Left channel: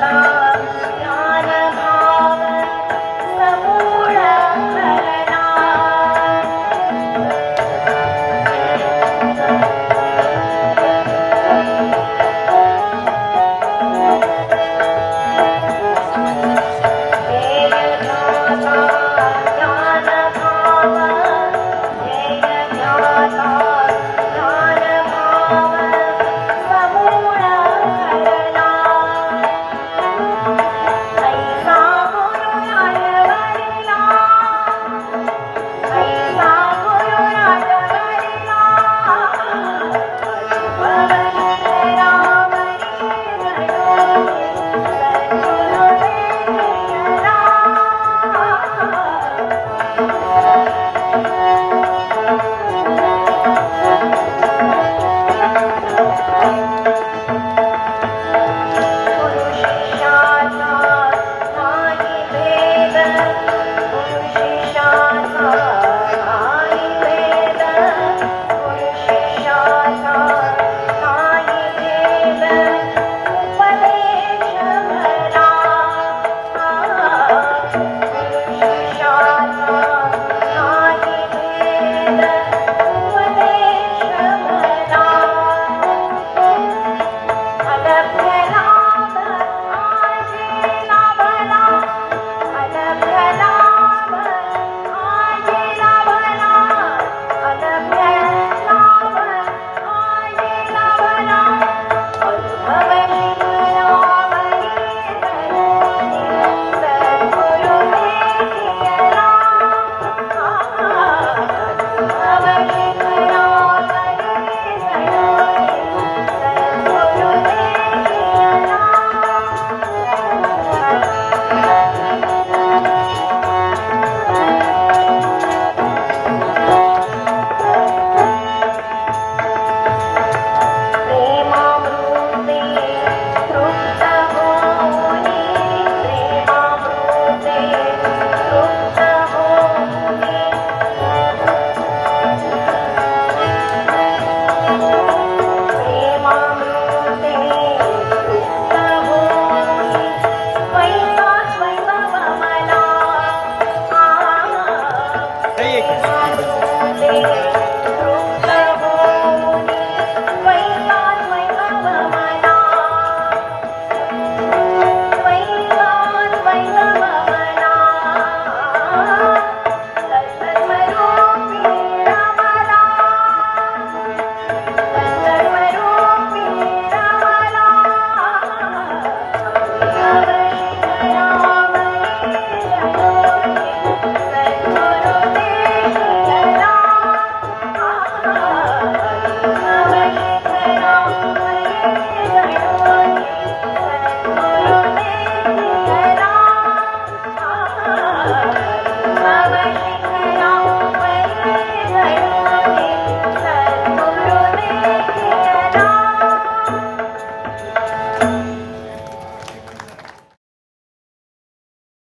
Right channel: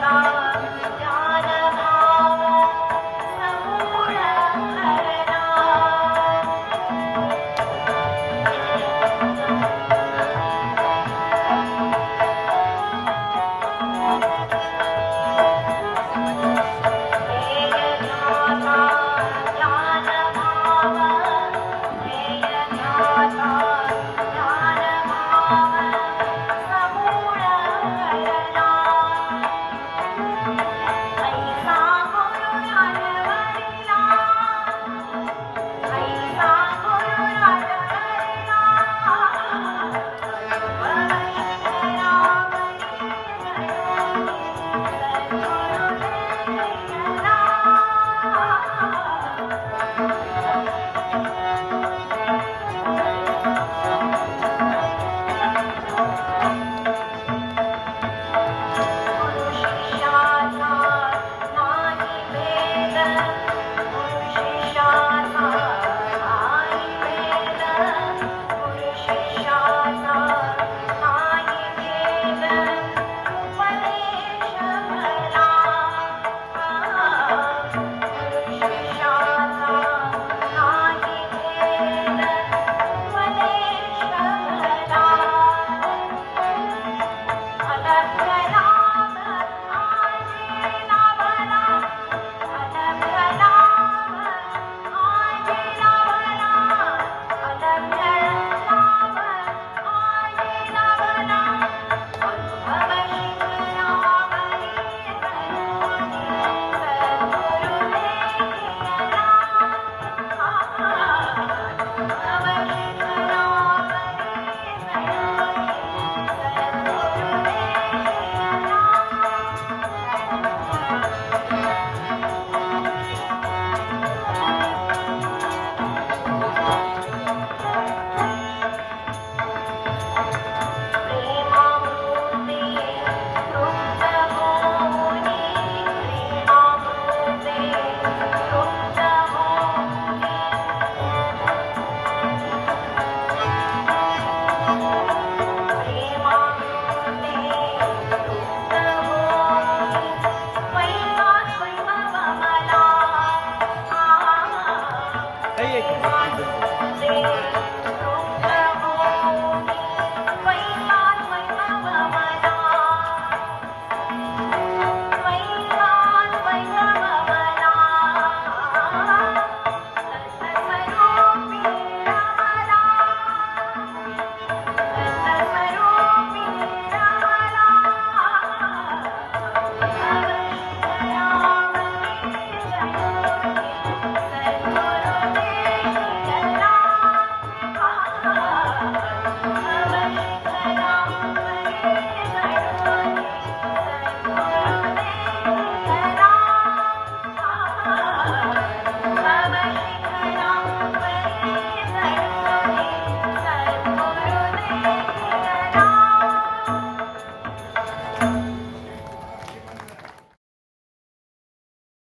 Allah.